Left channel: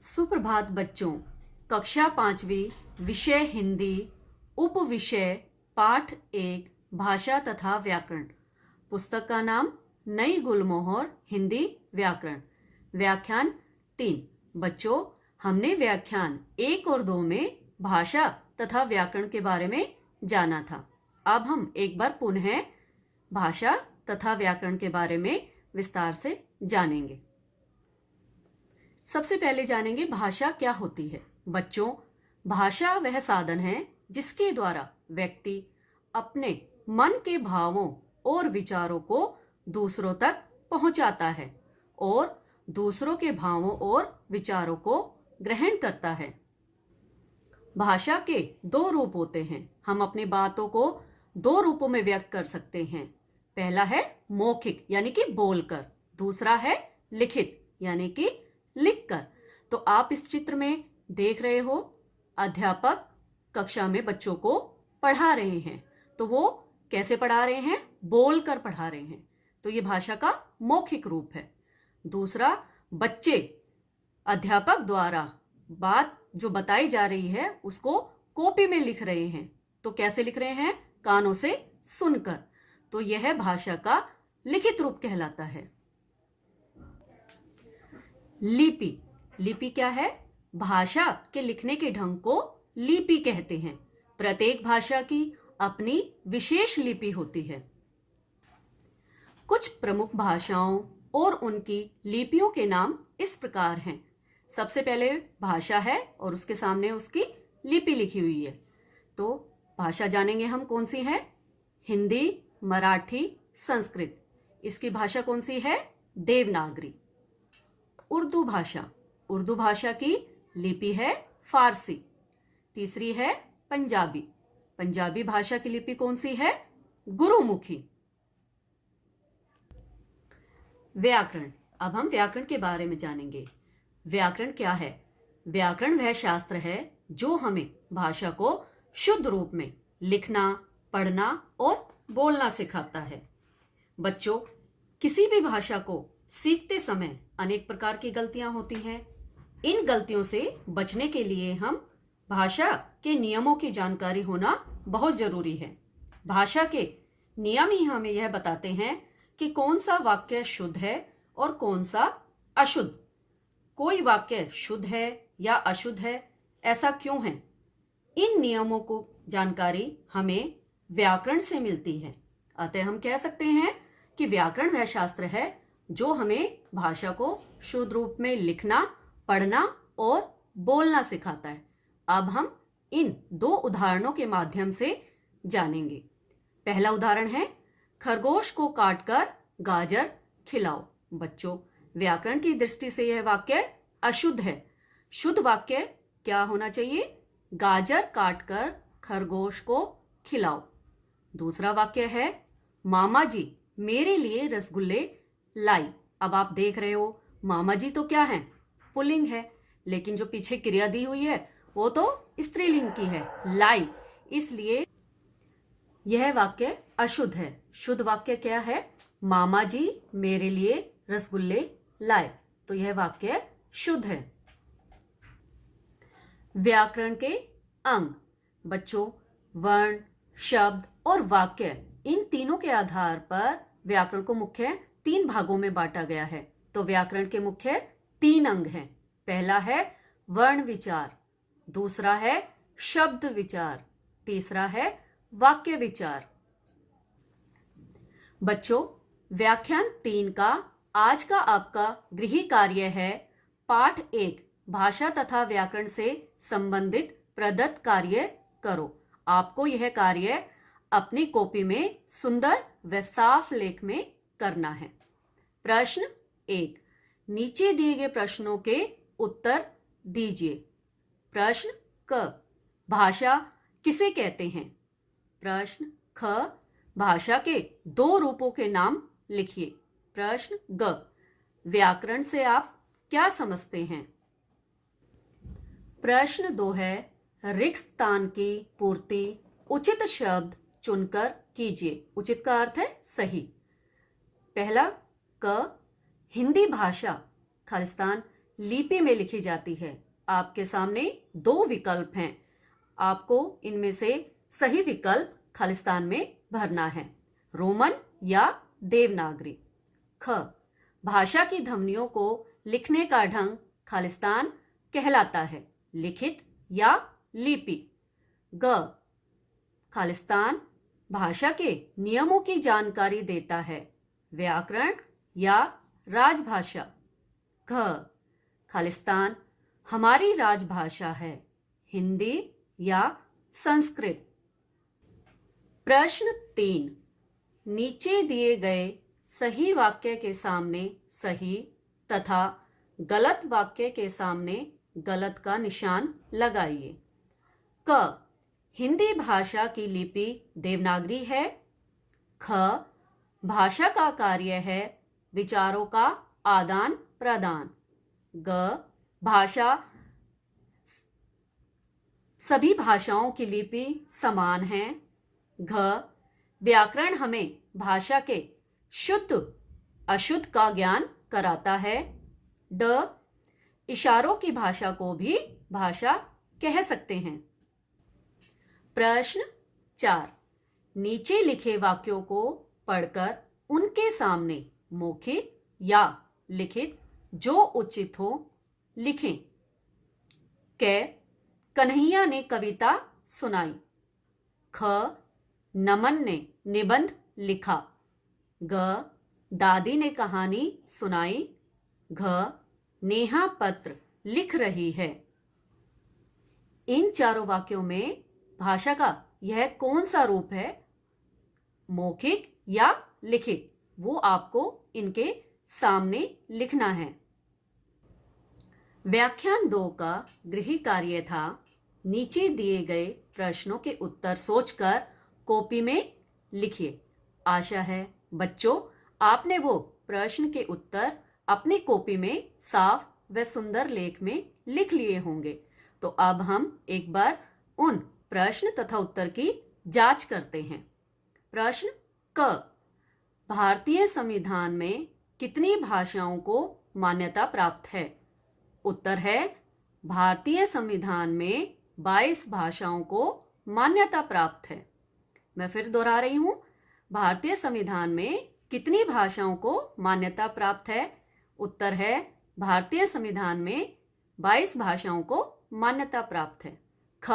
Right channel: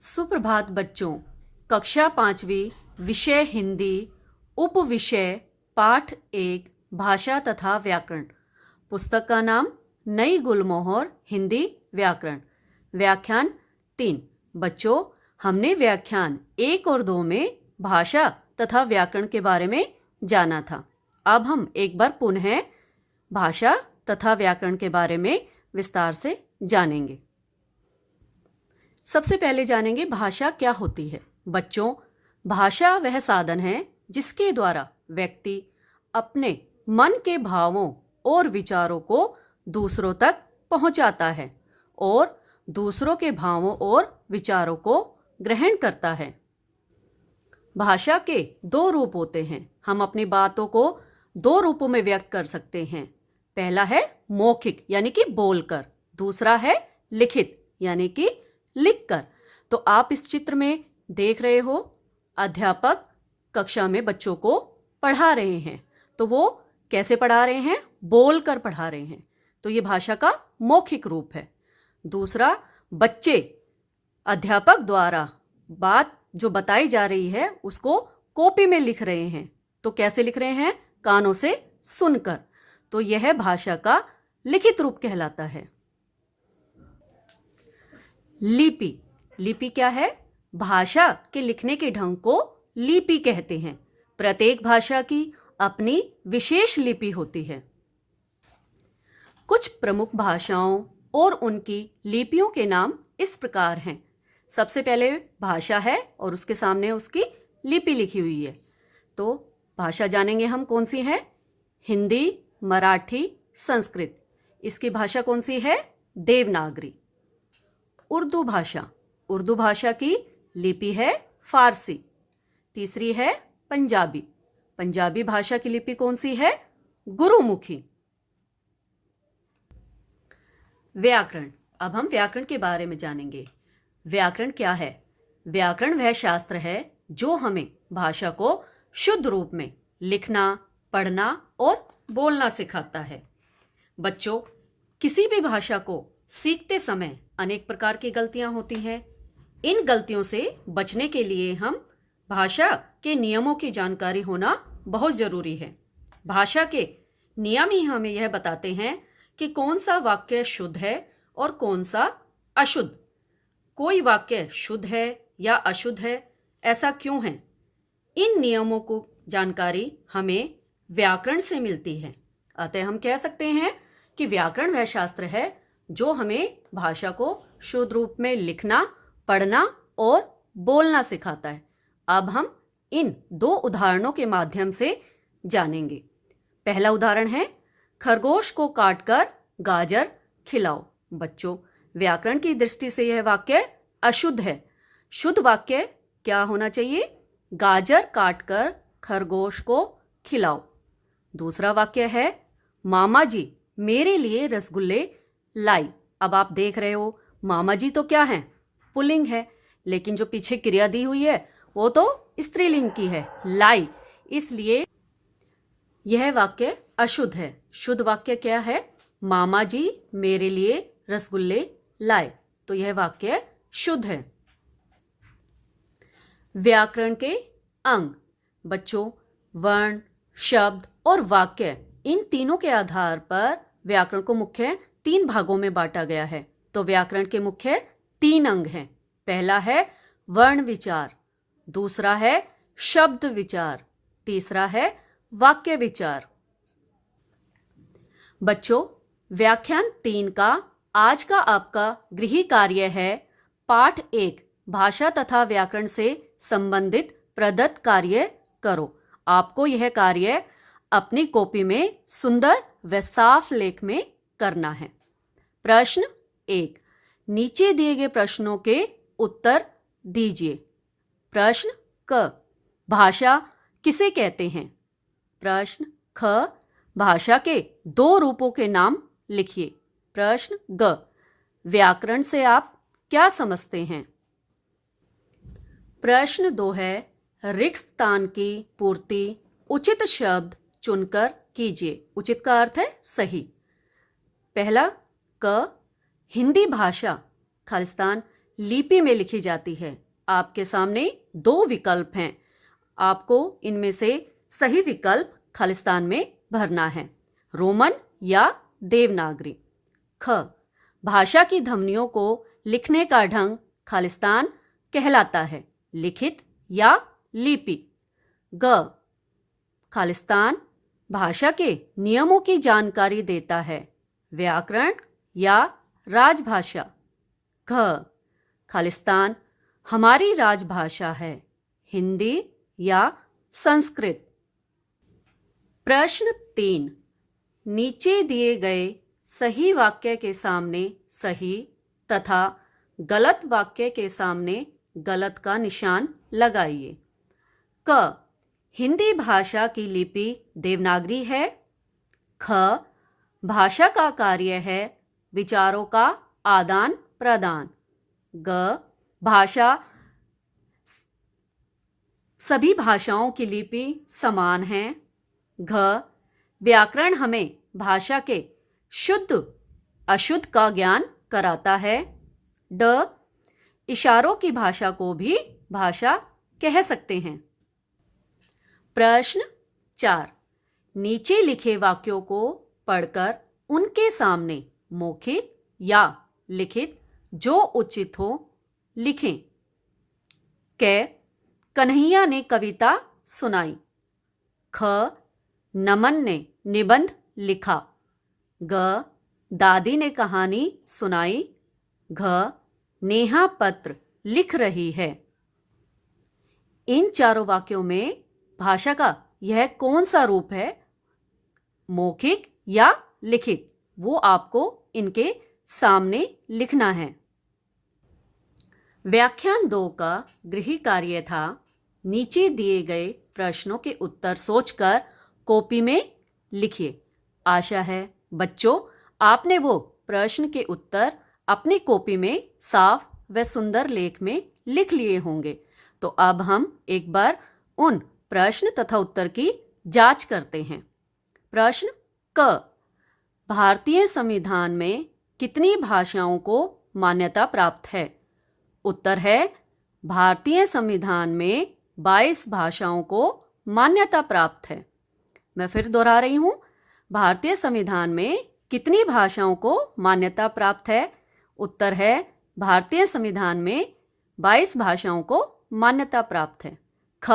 सुप्रभात बच्चों। कक्षा 5वीं, विषय हिंदी, उपविषय पाठ 1, भाषा तथा व्याकरण। पुस्तक का नाम नई गुलमोहर हिंदी व्याकरण। व्याख्यान 3। बच्चों, हमने व्याख्यान 1 और 2 में भाषा तथा व्याकरण के बारे में जाना था। अब हम एक बार पुनः भाषा तथा व्याकरण के बारे में विस्तार से जानेंगे। सबसे पहले जानेंगे भाषा क्या होती है। बच्चों, भाषा वह साधन है जिसके द्वारा व्यक्ति अपने मन के भावों और विचारों को दूसरों तक पहुंचाता है और दूसरों के भावों और विचारों को ग्रहण करता है। भाषा के 2 रूप होते हैं। हम अपनी बातों को 2 रूपों में व्यक्त कर सकते हैं। पहला है मौखिक यानी कि बोलकर, दूसरा है लिखित यानी कि लिखकर। तो आप इस चित्र में देख रहे हो, अध्यापक कक्षा में बच्चों को पढ़ा रहे हैं। तो वो कैसे पढ़ा रहे हैं? बोलकर पढ़ा रहे हैं। तो ये भाषा का मौखिक रूप है। दूसरा, बच्चे अध्यापक द्वारा बात जो बताई जा रही है उसको कॉपी में लिख रहे हैं। तो कैसे लिख रहे हैं? कानों से सुनकर। तो यह भाषा का लिखित रूप कहलाता है। लिपि। लिपि क्या है? भाषा के लिखने के ढंग को लिपि कहते हैं। प्रत्येक भाषा की अपनी विशेष लिपि होती है। कुछ प्रमुख भाषाओं और उनकी लिपियों के नाम इस प्रकार हैं। सबसे पहले भाषा है और उसके सामने उसकी लिपि लिखी हुई है। तो भाषा जानेंगे हम कौन सी है? हिंदी, मराठी, संस्कृत। इसकी भाषा कौन सी है? देवनागरी। उर्दू भाषा। उर्दू भाषा की लिपि है फारसी। तीसरी है पंजाबी। पंजाबी भाषा की लिपि कौन सी है? गुरुमुखी। व्याकरण। अब हम व्याकरण के बारे में जानेंगे। व्याकरण क्या है? व्याकरण वह शास्त्र है जो हमें भाषा को शुद्ध रूप में लिखना, पढ़ना और बोलना सिखाता है। बच्चों, किसी भी भाषा को सीखते समय अनेक प्रकार की गलतियां होती हैं। इन गलतियों से बचने के लिए हम भाषा के नियमों की जानकारी होना बहुत जरूरी है। भाषा के नियम ही हमें यह बताते हैं कि कौन सा वाक्य शुद्ध है और कौन सा अशुद्ध। कोई वाक्य शुद्ध है या अशुद्ध है, ऐसा क्यों है? इन नियमों को जानकारी हमें व्याकरण से मिलती है। अतः हम कह सकते हैं कि व्याकरण वह शास्त्र है जो हमें भाषा को शुद्ध रूप में लिखना, पढ़ना और बोलना सिखाता है। अब हम इन 2 उदाहरणों के माध्यम से जानेंगे। पहला उदाहरण है, खरगोश को काटकर गाजर खिलाओ। बच्चों, व्याकरण की दृष्टि से यह वाक्य अशुद्ध है। शुद्ध वाक्य क्या होना चाहिए? गाजर काटकर खरगोश को खिलाओ। दूसरा वाक्य है, मामा जी मेरे लिए रसगुल्ले लाई। अब आप देख रहे हो, मामा जी तो क्या है? पुल्लिंग है, लेकिन जो पीछे क्रिया दी हुई है वो तो स्त्रीलिंग की है, लाई। इसलिए यह वाक्य अशुद्ध है। शुद्ध वाक्य क्या है? मामा जी मेरे लिए रसगुल्ले लाए। तो यह वाक्य शुद्ध है। व्याकरण के अंग। बच्चों, वर्ण, शब्द और वाक्य, इन तीनों के आधार पर व्याकरण को मुख्य 3 भागों में बांटा गया है। तो व्याकरण के मुख्य 3 अंग हैं। पहला है वर्ण विचार, दूसरा है शब्द विचार, तीसरा है वाक्य विचार। बच्चों, व्याख्यान 3 का आज का आपका गृह कार्य है पाठ 1, भाषा तथा व्याकरण से संबंधित प्रदत्त कार्य करो। आपको यह कार्य अपनी कॉपी में सुंदर व साफ लेख में करना है। प्रश्न 1, नीचे दिए गए प्रश्नों के उत्तर दीजिए। प्रश्न क, भाषा किसे कहते हैं? प्रश्न ख, भाषा के 2 रूपों के नाम लिखिए। प्रश्न ग, व्याकरण से आप क्या समझते हैं? प्रश्न 2 है, रिक्त स्थान की पूर्ति उचित शब्द चुनकर कीजिए। उचित का अर्थ है सही। पहला क, हिंदी भाषा खालिस्तान लिपि में लिखी जाती है। आपके सामने 2 विकल्प हैं। आपको इनमें से सही विकल्प खालिस्तान में भरना है, रोमन या देवनागरी। ख, भाषा की ध्वनियों को लिखने का ढंग खालिस्तान कहलाता है, लिखित या लिपि। ग, खालिस्तान भाषा के नियमों की जानकारी देता है, व्याकरण या राजभाषा। घ, खालिस्तान हमारी राजभाषा है, हिंदी या संस्कृत। प्रश्न 3, नीचे दिए गए सही वाक्य के सामने सही तथा गलत वाक्य के सामने गलत का निशान लगाइए। क, हिंदी भाषा की लिपि देवनागरी है। ख, भाषा का कार्य है विचारों का आदान प्रदान। ग, भाषा सभी भाषाओं की लिपि समान है। घ, व्याकरण हमें भाषा के शुद्ध अशुद्ध का ज्ञान कराता है। ड, इशारों की भाषा को भी भाषा कह सकते हैं। प्रश्न 4, नीचे लिखे वाक्यों को पढ़कर उनके सामने मौखिक या लिखित जो उचित हो लिखें। क, कन्हैया ने कविता सुनाई। ख, नमन ने निबंध लिखा। ग, दादी ने कहानी सुनाई। घ, नेहा पत्र लिख रही है। इन चारों वाक्यों में भाषा का यह कौन सा रूप है, मौखिक या लिखित, वो आपको इनके सामने लिखना है। व्याख्यान 2 का गृह कार्य था, नीचे दिए गए प्रश्नों के उत्तर सोचकर कॉपी में लिखिए। आशा है बच्चों आपने वो प्रश्न के उत्तर अपनी कॉपी में साफ व सुंदर लेख में लिख लिए होंगे। तो अब हम एक बार उन प्रश्न तथा उत्तर की जांच करते हैं। प्रश्न क, भारतीय संविधान में कितनी भाषाओं को मान्यता प्राप्त है? उत्तर है भारतीय संविधान में 22 भाषाओं को मान्यता प्राप्त है। मैं फिर दोहरा रही हूं, भारतीय संविधान में कितनी भाषाओं को मान्यता प्राप्त है? उत्तर है भारतीय संविधान में 22 भाषाओं को मान्यता प्राप्त है। ख,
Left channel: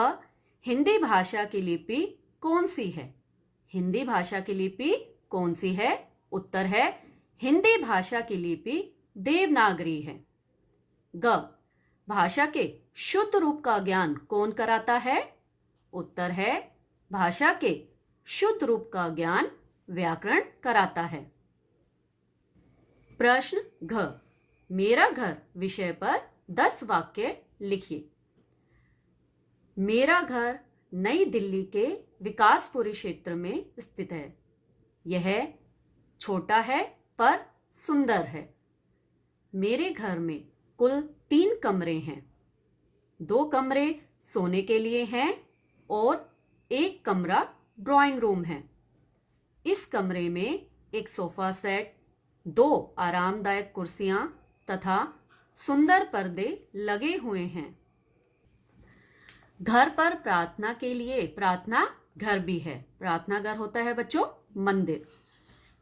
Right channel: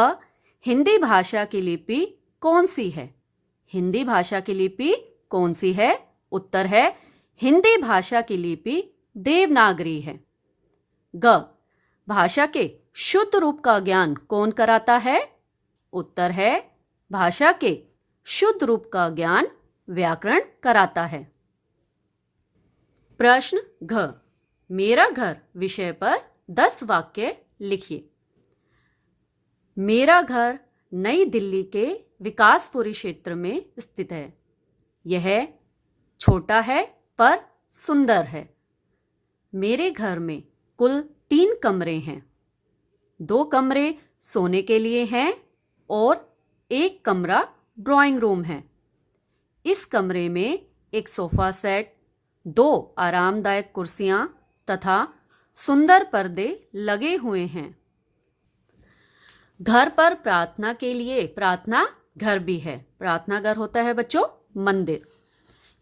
हिंदी भाषा की लिपि कौन सी है? हिंदी भाषा की लिपि कौन सी है? उत्तर है हिंदी भाषा की लिपि देवनागरी है। ग, भाषा के शुद्ध रूप का ज्ञान कौन कराता है? उत्तर है भाषा के शुद्ध रूप का ज्ञान व्याकरण कराता है। प्रश्न घ, मेरा घर विषय पर 10 वाक्य लिखिए। मेरा घर नई दिल्ली के विकासपुरी क्षेत्र में स्थित है। यह छोटा है पर सुंदर है। मेरे घर में कुल 3 कमरे हैं। 2 कमरे सोने के लिए हैं और 1 कमरा ड्राइंग रूम है। इस कमरे में एक सोफा सेट, 2 आरामदायक कुर्सियां तथा सुंदर पर्दे लगे हुए हैं। घर पर प्रार्थना के लिए प्रार्थना घर भी है। प्रार्थना घर होता है बच्चों मंदिर।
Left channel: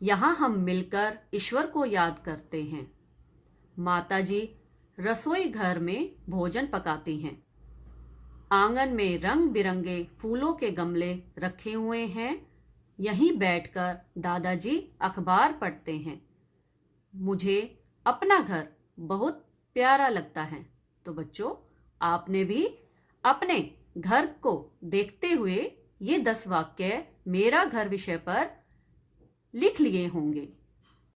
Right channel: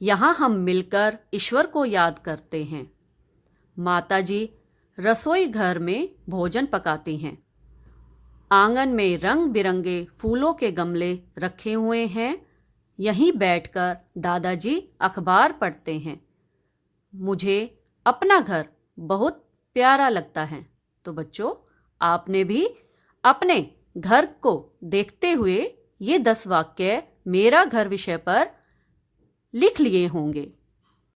यहाँ हम मिलकर ईश्वर को याद करते हैं। माताजी रसोई घर में भोजन पकाती हैं। आंगन में रंग बिरंगे फूलों के गमले रखे हुए हैं। यहीं बैठकर दादाजी अखबार पढ़ते हैं। मुझे अपना घर बहुत प्यारा लगता है। तो बच्चों आपने भी अपने घर को देखते हुए ये 10 वाक्य मेरा घर विषय पर लिख लिए होंगे।